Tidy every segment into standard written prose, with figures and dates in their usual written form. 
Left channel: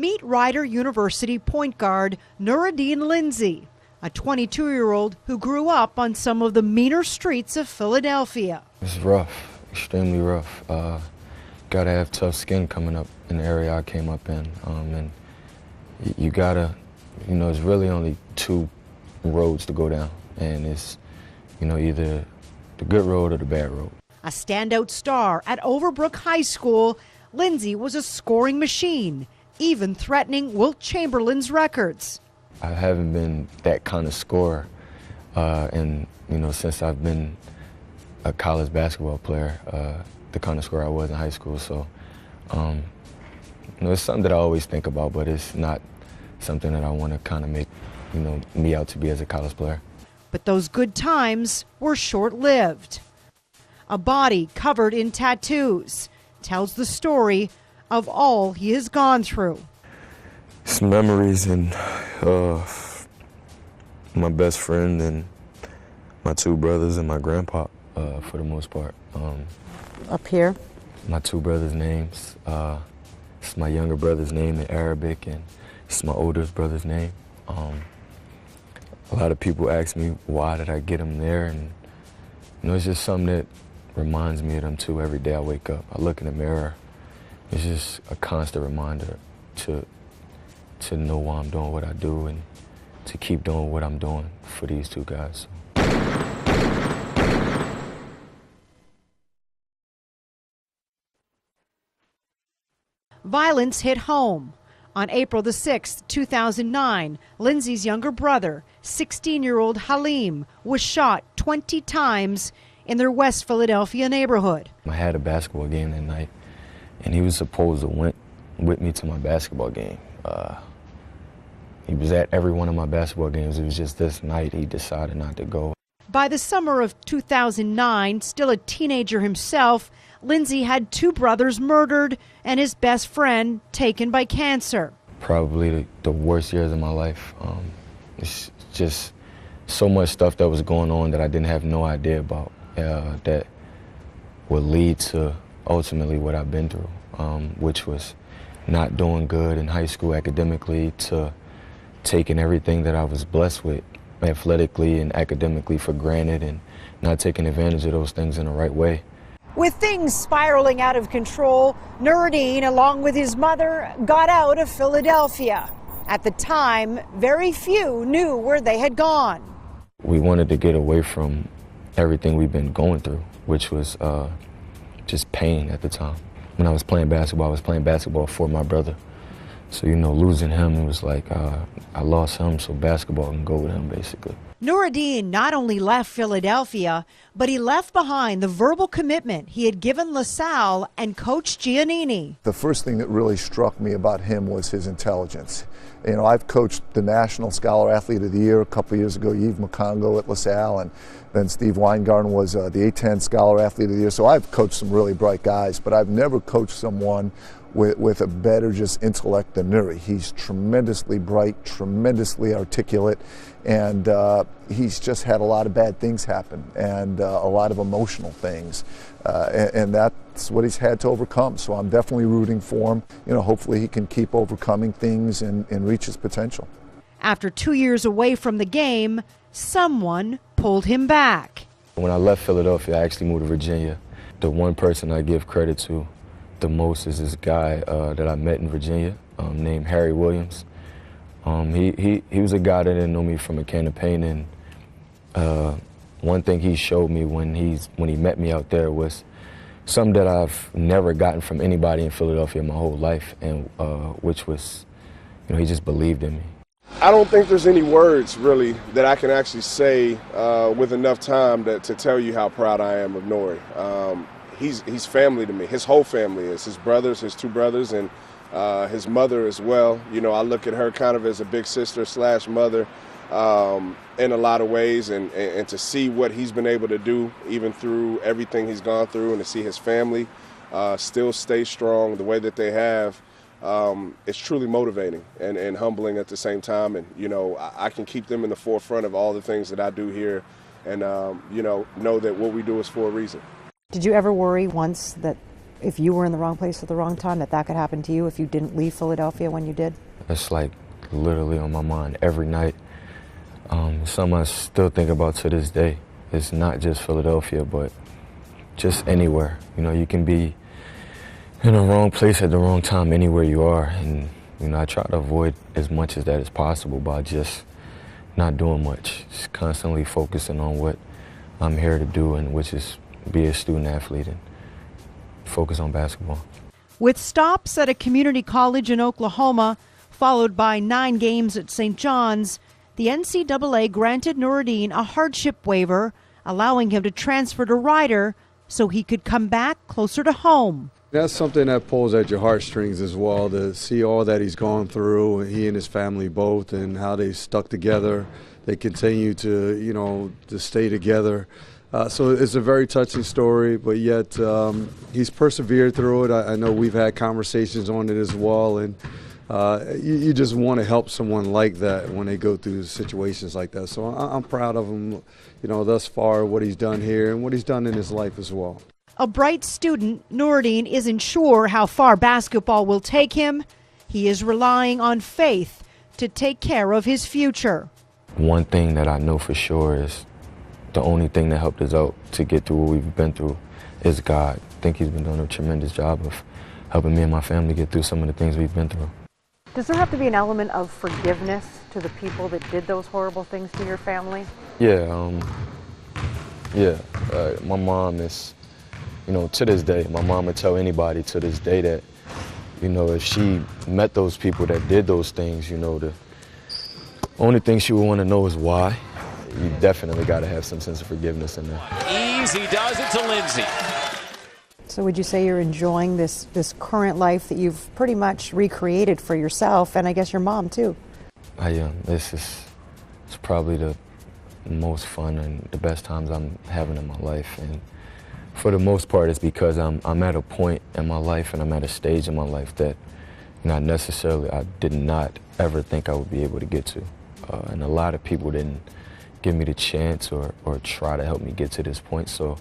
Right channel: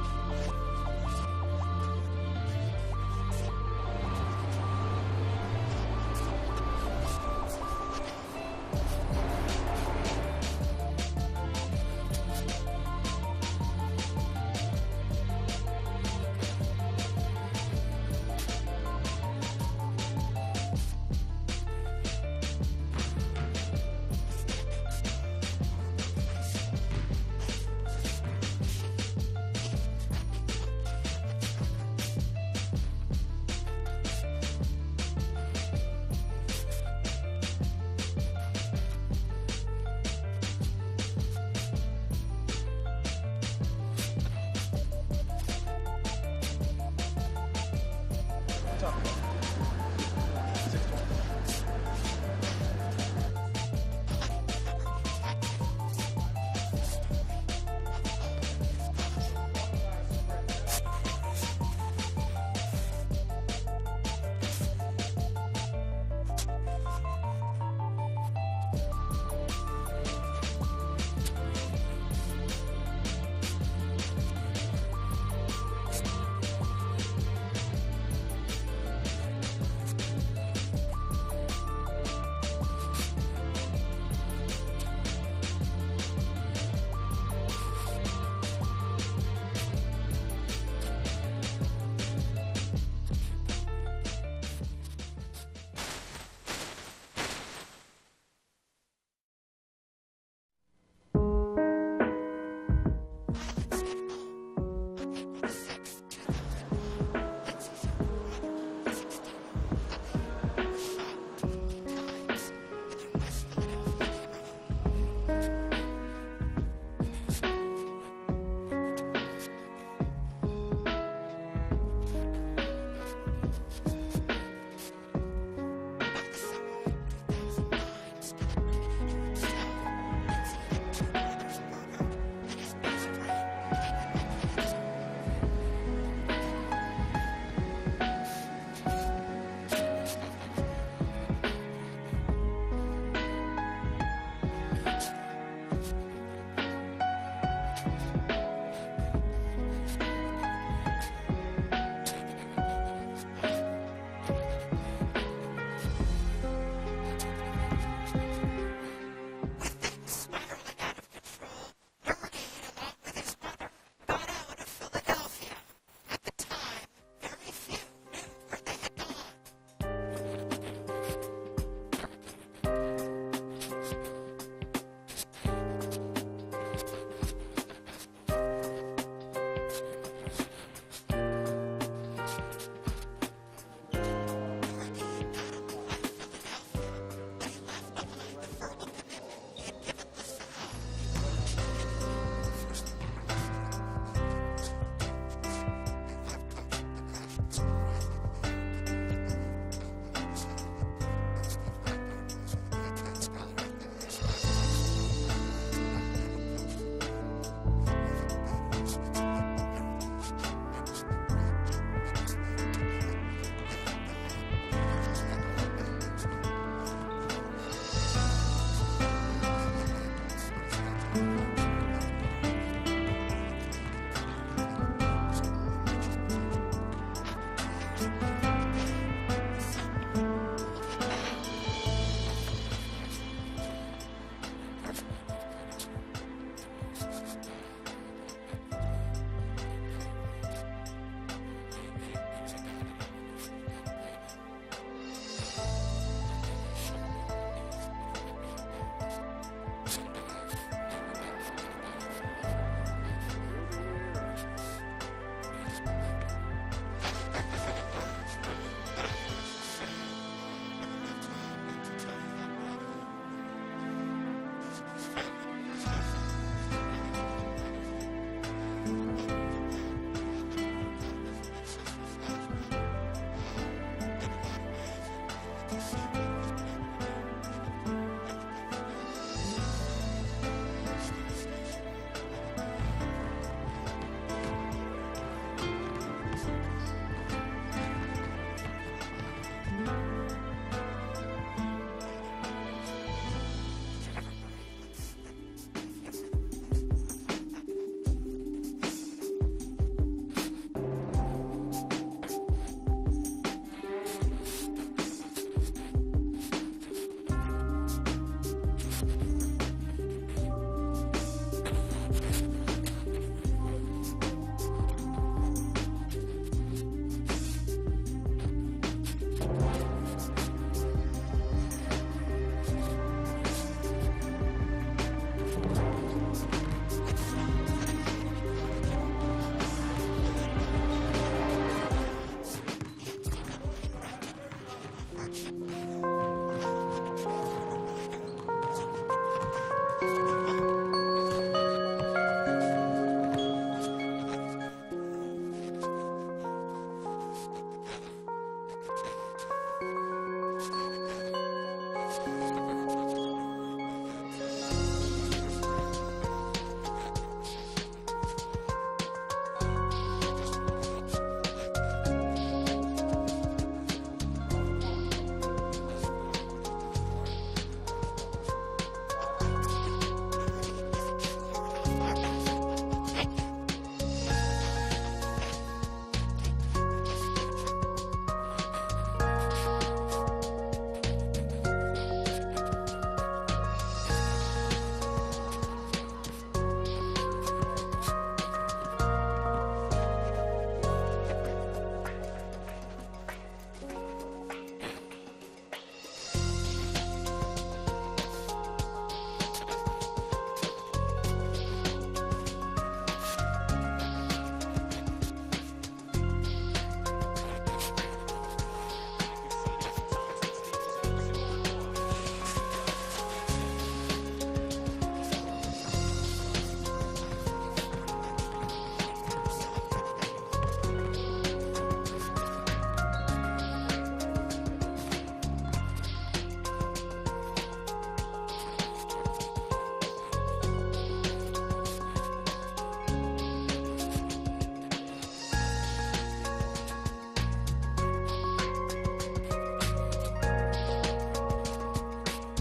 Meet Rider University point guard Nurideen Lindsey, a 22-year-old who grew up on some of the meaner streets of Philadelphia. It's rough, extremely rough. Gotta have tough skin coming up in the area I came up in. And you gotta, it's really only two roads to go down. And it's, either the good road or the bad road. A standout star at Overbrook High School, Lindsey was a scoring machine, even threatening Wilt Chamberlain's records. I haven't been that kind of scorer, since I've been a college basketball player, the kind of scorer I was in high school. So, it's something that I always think about, but it's not something that I want to kind of make, me out to be as a college player. But those good times were short-lived. A body covered in tattoos tells the story of all he has gone through. Some memories and my best friend and my two brothers and my grandpa, for the most part. Up here? My two brothers' names. It's my younger brother's name in Arabic, and it's my oldest brother's name. A lot of people ask me, why did I get him there? And it's just something that reminds me of them too every day I wake up. I look in the mirror. It's just a constant reminder to know why I'm doing what I do and to keep doing what I'm doing for these two guys. Violence hit home. On April the 6th, 2009, Lindsey's younger brother, 16-year-old Halim, was shot 20 times in their West Philadelphia neighborhood. I had a basketball game that night, and he was supposed to went with me to my basketball game. He was at every one of my basketball games. It was just this night he decided not to go. By the summer of 2009, still a teenager himself, Lindsey had two brothers murdered and his best friend taken by cancer. Probably the worst years of my life. It's just so much stuff that was going on that I didn't have no idea about that would lead to ultimately what I've been through, which was not doing good in high school academically, to taking everything that I was blessed with athletically and academically for granted and not taking advantage of those things in the right way. With things spiraling out of control, Nurideen, along with his mother, got out of Philadelphia. At the time, very few knew where they had gone. We wanted to get away from everything we've been going through, which was just pain at the time. When I was playing basketball for my brother. So, losing him, it was like I lost him, so basketball can go with him, basically. Nurideen not only left Philadelphia, but he left behind the verbal commitment he had given LaSalle and Coach Giannini. The first thing that really struck me about him was his intelligence. I've coached the National Scholar Athlete of the Year a couple of years ago, Yves McCongo at LaSalle, and then Steve Weingarten was the A10 Scholar Athlete of the Year. So I've coached some really bright guys, but I've never coached someone with a better just intellect than Nuri. He's tremendously bright, tremendously articulate, and he's just had a lot of bad things happen and a lot of emotional things. And that's what he's had to overcome. So I'm definitely rooting for him. Hopefully he can keep overcoming things and reach his potential. After 2 years away from the game, someone pulled him back. When I left Philadelphia, I actually moved to Virginia. The one person I give credit to the most is this guy that I met in Virginia named Harry Williams. He was a guy that didn't know me from a can of paint, and one thing he showed me when he met me out there was something that I've never gotten from anybody in Philadelphia my whole life, and which was, he just believed in me. I don't think there's any words, really, that I can actually say with enough time to tell you how proud I am of Nori. He's family to me. His whole family is. His brothers, his two brothers, and his mother as well. I look at her kind of as a big sister / mother in a lot of ways, and to see what he's been able to do, even through everything he's gone through, and to see his family still stay strong the way that they have, it's truly motivating and humbling at the same time. And I can keep them in the forefront of all the things that I do here, and know that what we do is for a reason. Did you ever worry once that if you were in the wrong place at the wrong time, that could happen to you if you didn't leave Philadelphia when you did? It's like literally on my mind every night. Something I still think about to this day. It's not just Philadelphia, but just anywhere. You know, you can be in the wrong place at the wrong time anywhere you are. And, you know, I try to avoid as much as that is possible by just not doing much. Just constantly focusing on what I'm here to do, and which is be a student athlete and focus on basketball. With stops at a community college in Oklahoma, followed by 9 games at St. John's, the NCAA granted Nurideen a hardship waiver, allowing him to transfer to Ryder so he could come back closer to home. That's something that pulls at your heartstrings as well, to see all that he's gone through, he and his family both, and how they stuck together. They continue to, you know, to stay together. So it's a very touching story, but yet he's persevered through it. I know we've had conversations on it as well, and you just want to help someone like that when they go through situations like that. So I'm proud of him, you know, thus far, what he's done here and what he's done in his life as well. A bright student, Nurideen isn't sure how far basketball will take him. He is relying on faith to take care of his future. One thing that I know for sure is the only thing that helped us out to get through what we've been through is God. I think he's been doing a tremendous job of helping me and my family get through some of the things we've been through. Does there have to be an element of forgiveness to the people that did those horrible things to your family? Yeah, my mom is, you know, to this day, my mom would tell anybody to this day that, you know, if she met those people that did those things, you know, the only thing she would want to know is why. You definitely got to have some sense of forgiveness in there. Easy does it to Lindsey. So would you say you're enjoying this current life that you've pretty much recreated for yourself, and I guess your mom too? I am. It's probably the most fun and the best times I'm having in my life. And for the most part, it's because I'm at a point in my life and I'm at a stage in my life that, you know, I did not ever think I would be able to get to. And a lot of people didn't give me the chance or try to help me get to this point. So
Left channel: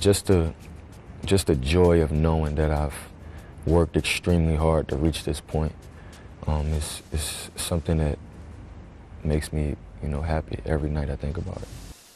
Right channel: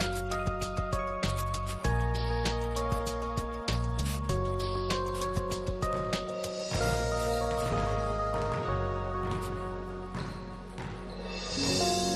just the joy of knowing that I've worked extremely hard to reach this point is something that makes me, you know, happy every night I think about it.